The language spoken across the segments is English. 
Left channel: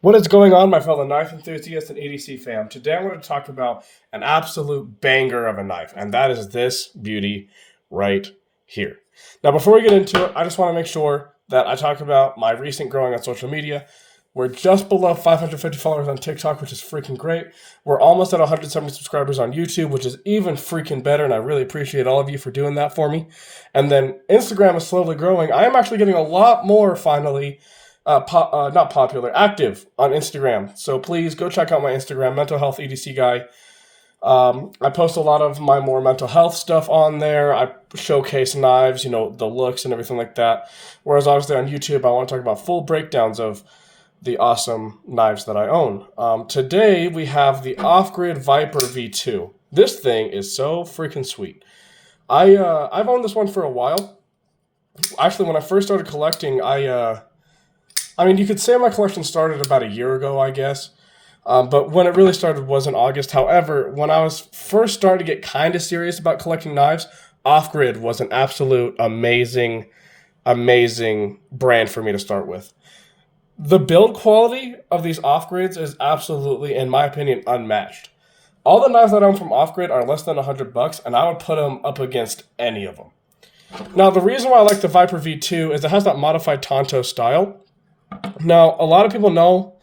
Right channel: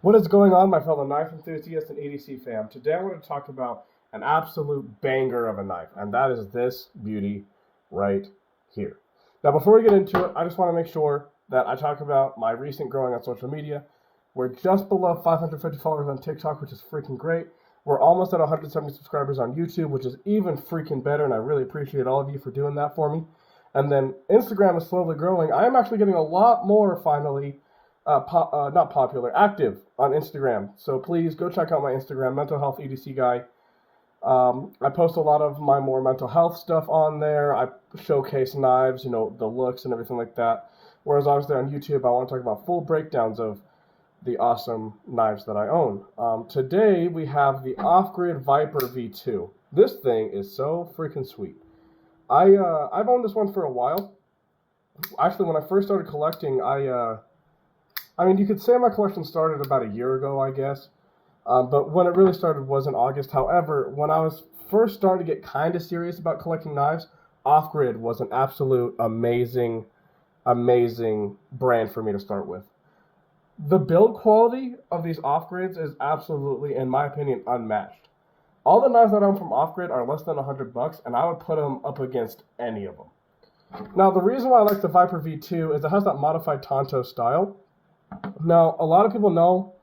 What is going on, my fellow knife enthusiasts and EDC fam? Today I want to talk about an absolute banger of a knife, and that is this beauty right here. Now, before we get into it, I just want to make sure that I talk about my recent growing on social media. We're just below 550 followers on TikTok, which is freaking great. We're almost at 170 subscribers on YouTube, which is even freaking better, and I really appreciate all of you for doing that for me. And then Instagram is slowly growing. I am actually getting a lot more, finally, not popular, active on Instagram. So please go check out my Instagram, MentalHealthEDCGuy. I post a lot of my more mental health stuff on there. I showcase knives, the looks and everything like that. Whereas obviously on YouTube, I want to talk about full breakdowns of the awesome knives that I own. Today we have the Offgrid Viper V2. This thing is so freaking sweet. I've owned this one for a while. Actually, when I first started collecting, you could say my collection started about a year ago, I guess. But when it really started was in August. However, when I was first starting to get kind of serious about collecting knives, Offgrid was an absolute amazing brand for me to start with. The build quality of these Offgrids is absolutely, in my opinion, unmatched. All the knives that I own from Offgrid are less than $100, and I would put them up against any of them. Now, the reason why I like the Viper V2 is it has that modified Tonto style. Now, a lot of people know,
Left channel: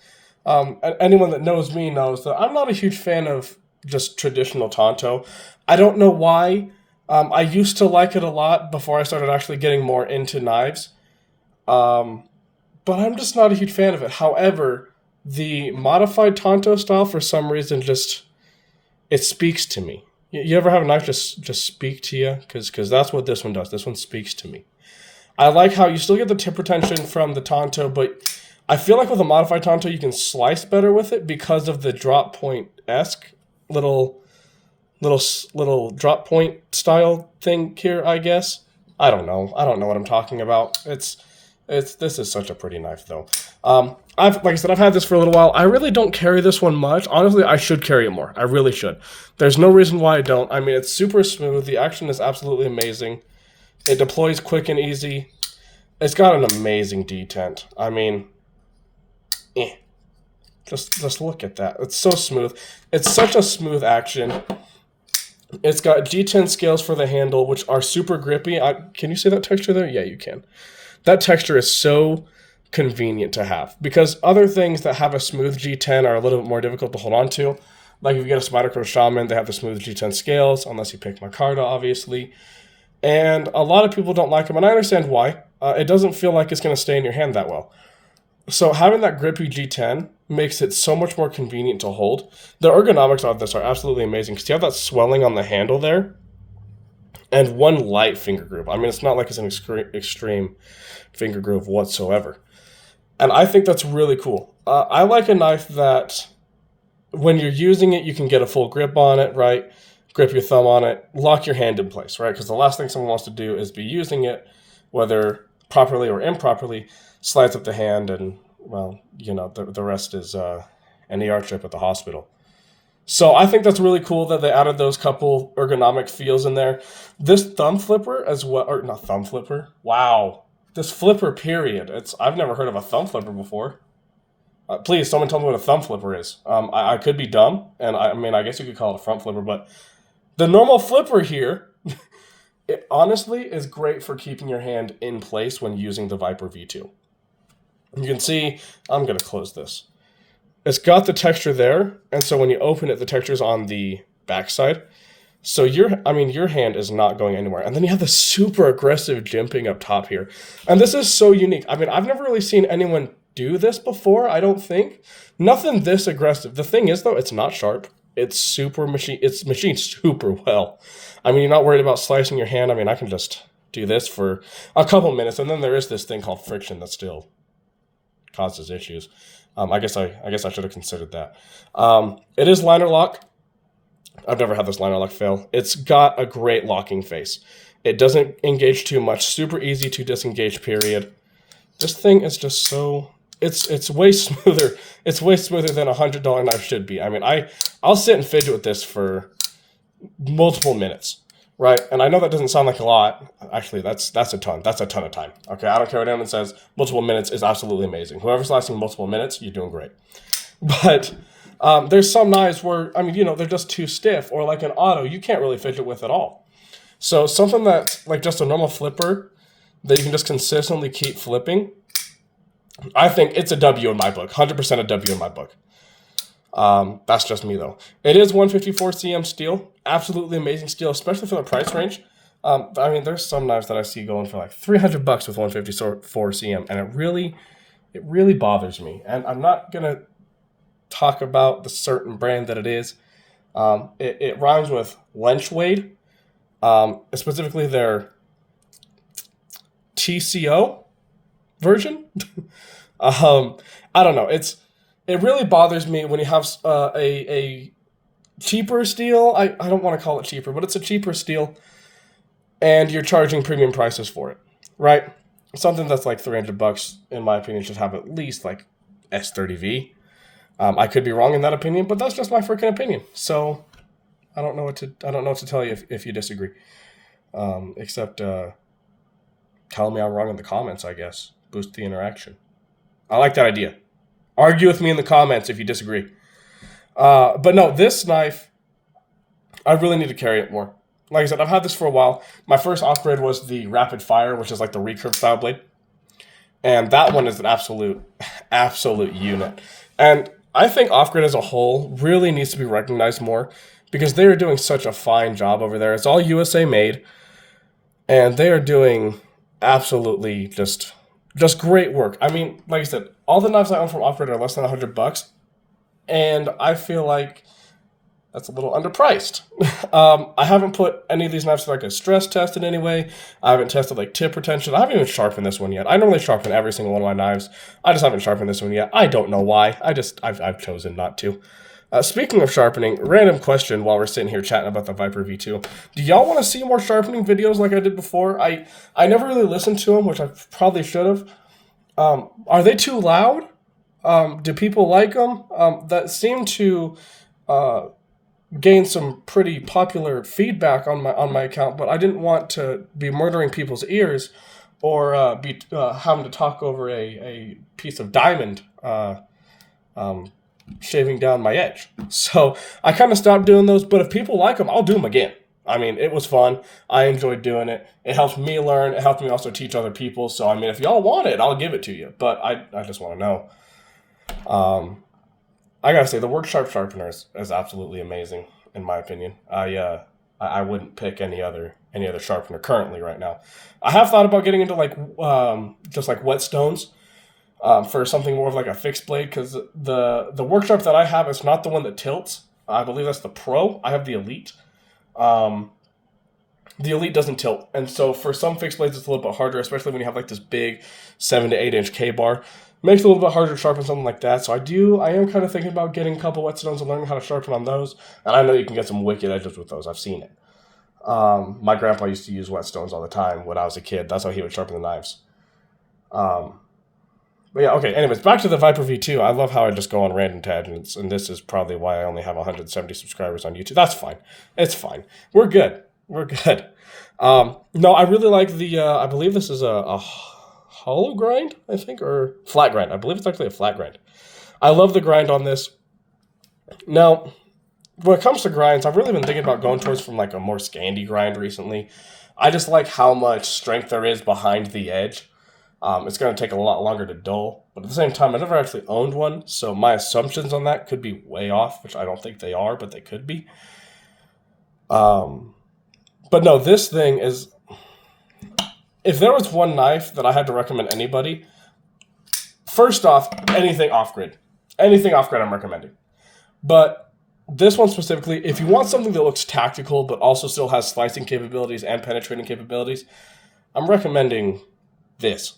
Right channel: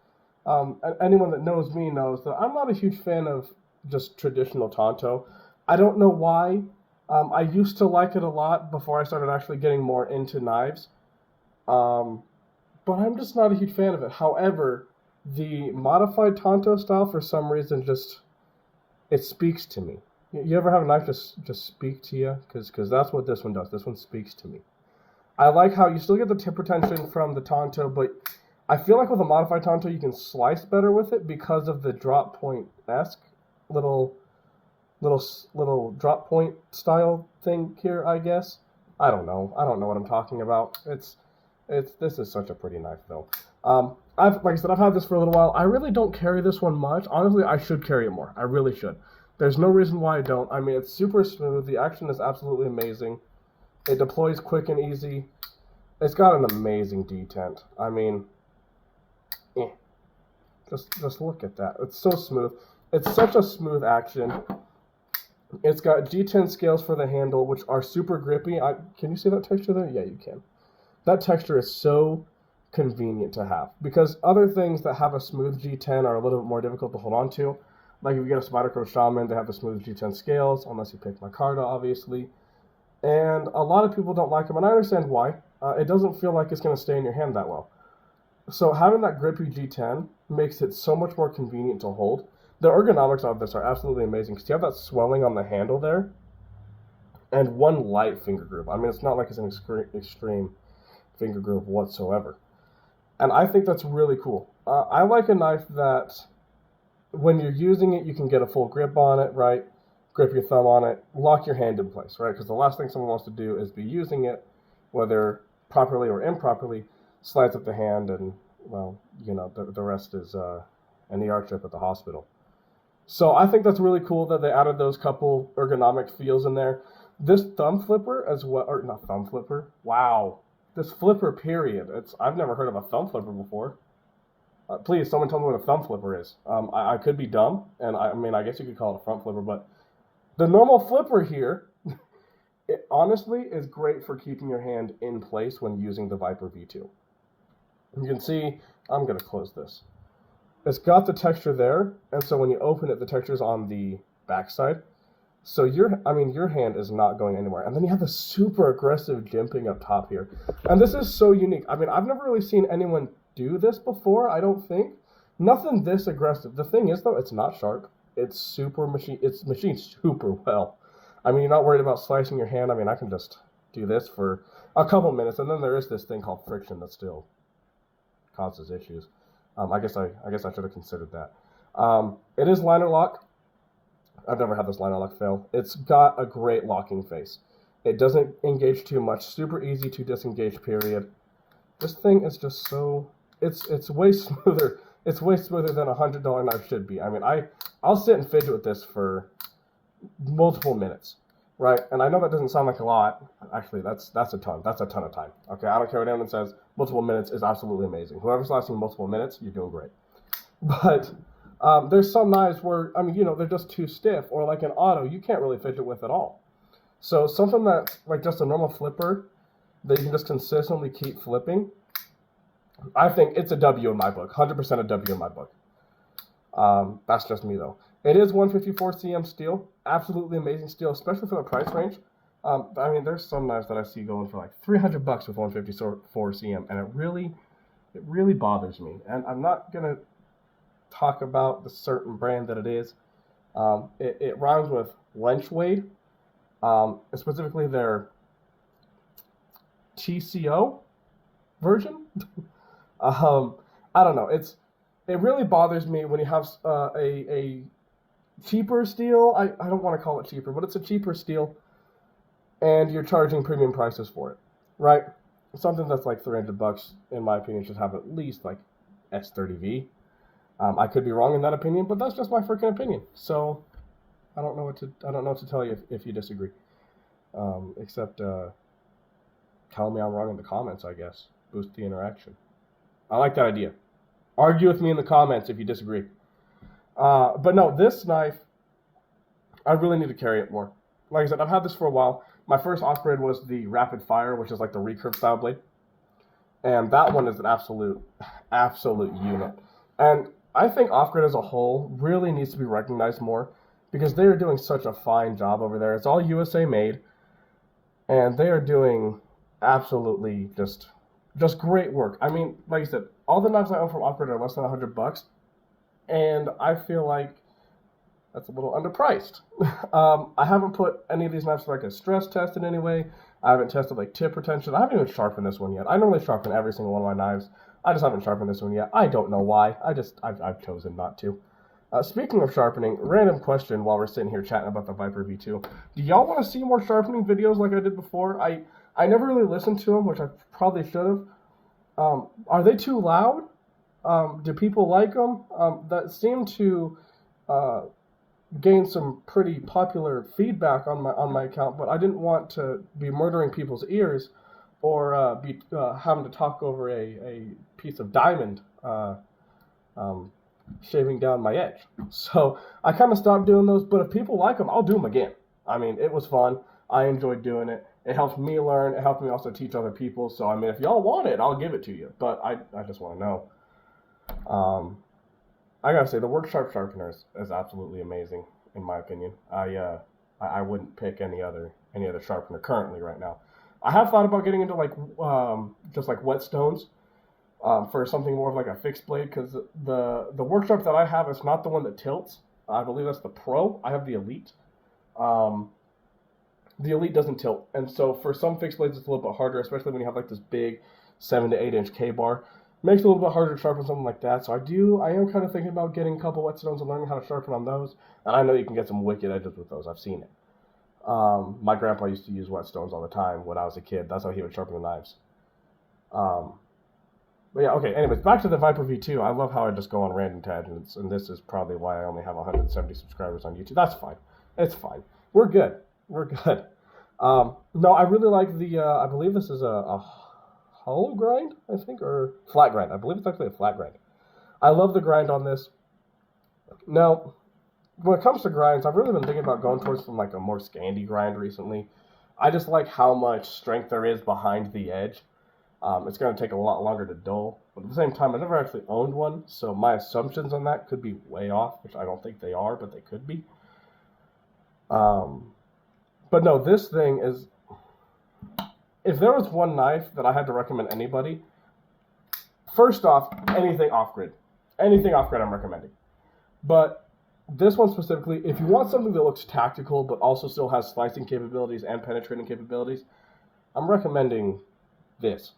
anyone that knows me knows that I'm not a huge fan of just traditional Tonto. I don't know why. I used to like it a lot before I started actually getting more into knives. But I'm just not a huge fan of it. However, the modified Tonto style, for some reason, it speaks to me. You ever have a knife just speak to you? Because that's what this one does. This one speaks to me. I like how you still get the tip retention from the Tonto, but I feel like with a modified Tonto, you can slice better with it because of the drop point-esque little drop point style thing here, I guess. I don't know what I'm talking about. This is such a pretty knife, though. Like I said, I've had this for a little while. I really don't carry this one much. Honestly, I should carry it more. I really should. There's no reason why I don't. I mean, it's super smooth. The action is absolutely amazing. It deploys quick and easy. It's got an amazing detent. I mean, just look at that. It's so smooth. It's such a smooth action. It's got G10 scales for the handle, which are super grippy. Can you see that texture there? Yeah, you can. That texture is so convenient to have because other things that have a smooth G10 are a little bit more difficult to hold on to. Like if you get a Spyderco Shaman, they have the smooth G10 scales, unless you pick Micarta, obviously. And a lot of people don't like them, and I understand why. It doesn't feel like it's going to stay in your hand that well. So having that grippy G10 makes it so much more convenient to hold. The ergonomics of this are absolutely amazing because you have that swelling on the handle there and one light finger groove. I mean, it's not like it's an extreme finger groove whatsoever. And I think that's really cool. I like a knife that when you're using it, you can get a full grip on it, right? Grip your thumb on it, lock your hand in place, right? Because the last thing someone wants to do is be using it, whether properly or improperly, slides up the hand and, well, the rest is an ER trip at the hospital. So I think that's really cool that they added those couple ergonomic feels in there. This thumb flipper as well, or not thumb flipper, wow. This flipper period, I've never heard of a thumb flipper before. Please, someone tell me what a thumb flipper is. I could be dumb, and I guess you could call it a front flipper, but the normal flipper here, it honestly is great for keeping your hand in place when using the Viper V2. You can see, I'm going to close this. It's got the texture there, and so when you open it, the texture's on the backside. So your hand is not going anywhere. And then you have the super aggressive jimping up top here. And this is so unique. I mean, I've never really seen anyone do this before, I don't think. Nothing this aggressive. The thing is, though, it's not sharp. It's machined super well. I mean, you're not worried about slicing your hand. I mean, I can just do this for a couple minutes, and then there is this thing called friction that still causes issues. I guess I should have considered that. It is liner lock. I've never had this liner lock fail. It's got a great locking face. It doesn't engage too much. Super easy to disengage, period. This thing is just so... It's way smoother. It's way smoother than a $100 knife should be. I mean, I'll sit and fidget with this for multiple minutes. right? And I know that doesn't sound like a lot. Actually, that's a ton. That's a ton of time. Okay, I don't care what anyone says. Multiple minutes is absolutely amazing. Whoever's lasting multiple minutes, you're doing great. But there's some knives where, I mean, they're just too stiff, or like an auto, you can't really fidget with at all. So something that's like just a normal flipper that you can just consistently keep flipping, I think it's a W in my book. 100% a W in my book. That's just me though. It is 154 cm steel. Absolutely amazing steel, especially for the price range. I mean, there's some knives that I see going for like $300 with 154 cm, and it really bothers me. And I'm not gonna talk about the certain brand that it is. It rhymes with Lenchwade, specifically their TCO version. I don't know. It really bothers me when you have a cheaper steel. I don't want to call it cheaper, but it's a cheaper steel, and you're charging premium prices for it, right? Something that's like $300, in my opinion, should have at least like S30V. I could be wrong in that opinion, but that's just my freaking opinion. So I don't know what to tell you if you disagree. Except tell me I'm wrong in the comments, I guess. Boost the interaction. I like that idea. Argue with me in the comments if you disagree. But no, this knife, I really need to carry it more. Like I said, I've had this for a while. My first off-grid was the Rapid Fire, which is like the recurve style blade. And that one is an absolute unit. And I think off-grid as a whole really needs to be recognized more, because they are doing such a fine job over there. It's all USA made, and they are doing absolutely just great work. I mean, like I said, all the knives I own from off-grid are less than $100, and I feel like that's a little underpriced. I haven't put any of these knives through like a stress test in any way. I haven't tested like tip retention. I haven't even sharpened this one yet. I normally sharpen every single one of my knives. I just haven't sharpened this one yet. I don't know why. I've chosen not to. Speaking of sharpening, random question while we're sitting here chatting about the Viper V2. Do y'all want to see more sharpening videos like I did before? I never really listened to them, which I probably should have. Are they too loud? Do people like them? That seem to gain some pretty popular feedback on my account, but I didn't want to be murdering people's ears or be having to talk over a piece of diamond shaving down my edge. So I kind of stopped doing those, but if people like them, I'll do them again. I mean, it was fun. I enjoyed doing it. It helped me learn. It helped me also teach other people. So, I mean, if y'all want it, I'll give it to you. But I just want to know. I gotta say, the Work Sharp Sharpener is absolutely amazing, in my opinion. I wouldn't pick any other sharpener currently right now. I have thought about getting into like just like whetstones for something more of like a fixed blade, because the Work Sharp that I have is not the one that tilts. I believe that's the Pro. I have the Elite. The Elite doesn't tilt, and so for some fixed blades it's a little bit harder, especially when you have like this big 7 to 8 inch K-bar. Makes it a little bit harder to sharpen something like that. So I am kind of thinking about getting a couple whetstones and learning how to sharpen on those. And I know you can get some wicked edges with those. I've seen it. My grandpa used to use whetstones all the time when I was a kid. That's how he would sharpen the knives. But yeah, okay. Anyways, back to the Viper V2. I love how I just go on random tangents, and this is probably why I only have 170 subscribers on YouTube. That's fine. It's fine. We're good. No, I really like the. I believe this is a hollow grind, I think, or flat grind. I believe it's actually a flat grind. I love the grind on this. Now, when it comes to grinds, I've really been thinking about going towards from like a more Scandi grind recently. I just like how much strength there is behind the edge. It's going to take a lot longer to dull, but at the same time, I never actually owned one, so my assumptions on that could be way off, which I don't think they are, but they could be. But no, this thing is... If there was one knife that I had to recommend anybody, first off, anything off-grid. Anything off-grid I'm recommending. But this one specifically, if you want something that looks tactical but also still has slicing capabilities and penetrating capabilities, I'm recommending this.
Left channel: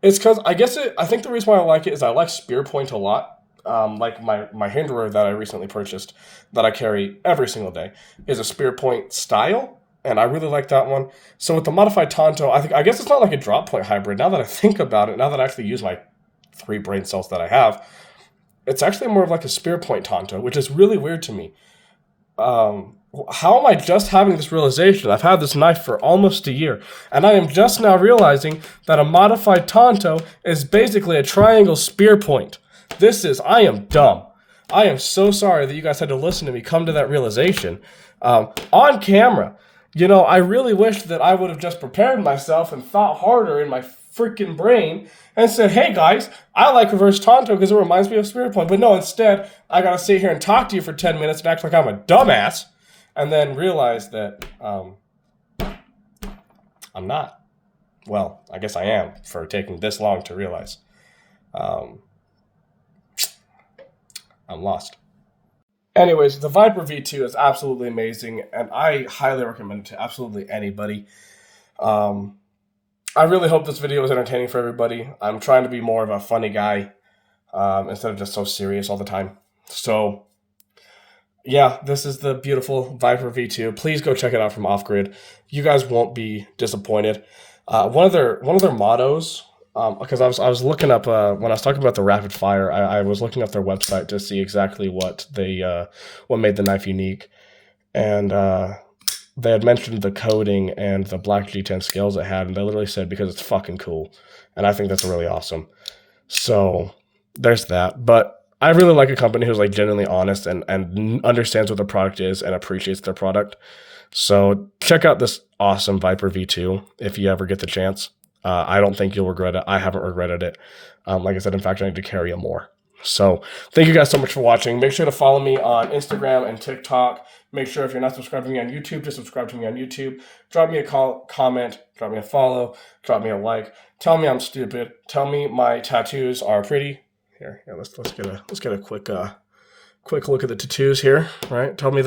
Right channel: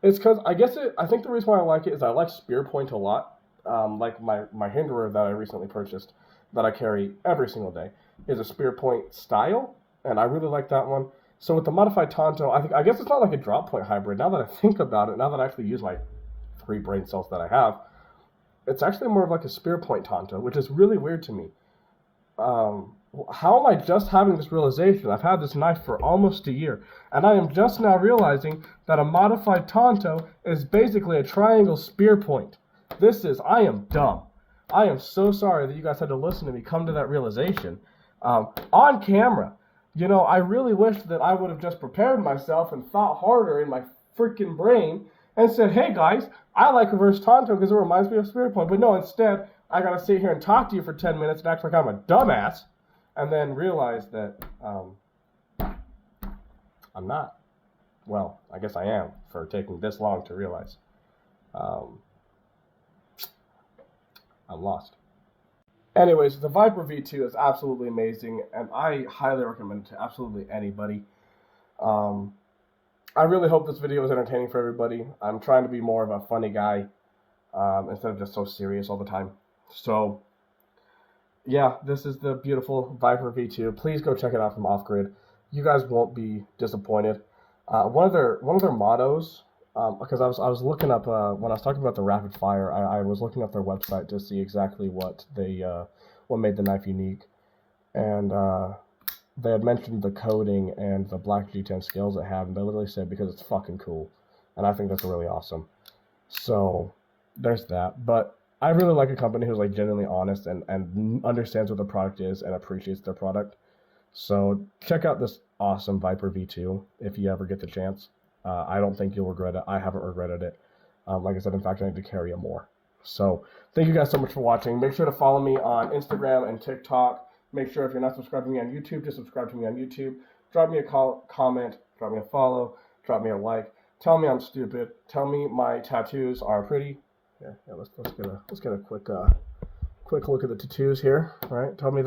It's because I think the reason why I like it is I like spear point a lot. Like my hinderer that I recently purchased that I carry every single day is a spear point style. And I really like that one. So with the modified Tonto, I guess it's not like a drop point hybrid. Now that I think about it, now that I actually use my 3 brain cells that I have, it's actually more of like a spear point Tonto, which is really weird to me. how am I just having this realization? I've had this knife for almost a year, and I am just now realizing that a modified Tonto is basically a triangle spear point. I am dumb. I am so sorry that you guys had to listen to me come to that realization on camera. You know, I really wish that I would have just prepared myself and thought harder in my freaking brain and said, hey guys, I like reverse Tonto because it reminds me of spear point. But no, instead, I gotta sit here and talk to you for 10 minutes and act like I'm a dumbass, and then realize that I'm not. Well, I guess I am for taking this long to realize. I'm lost. Anyways, the Viper V2 is absolutely amazing, and I highly recommend it to absolutely anybody. I really hope this video was entertaining for everybody. I'm trying to be more of a funny guy instead of just so serious all the time. So, yeah, this is the beautiful Viper V2. Please go check it out from Offgrid. You guys won't be disappointed. One of their mottos, because I was looking up when I was talking about the rapid fire, I was looking up their website to see exactly what made the knife unique, and they had mentioned the coating and the black G10 scales it had, and they literally said because it's fucking cool, and I think that's really awesome. So there's that. But I really like a company who's like genuinely honest and understands what their product is and appreciates their product. So check out this awesome Viper V2 if you ever get the chance. I don't think you'll regret it. I haven't regretted it. Like I said, in fact, I need to carry it more. So thank you guys so much for watching. Make sure to follow me on Instagram and TikTok. Make sure if you're not subscribed to me on YouTube, to subscribe to me on YouTube. Drop me a comment, drop me a follow, drop me a like. Tell me I'm stupid. Tell me my tattoos are pretty. Here, let's get a quick look at the tattoos here. Right? Tell me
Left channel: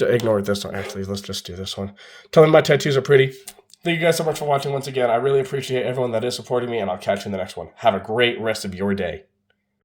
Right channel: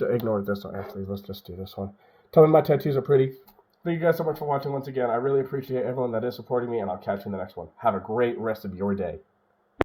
ignore this one. Actually, let's just do this one. Tell me my tattoos are pretty. Thank you guys so much for watching once again. I really appreciate everyone that is supporting me, and I'll catch you in the next one. Have a great rest of your day.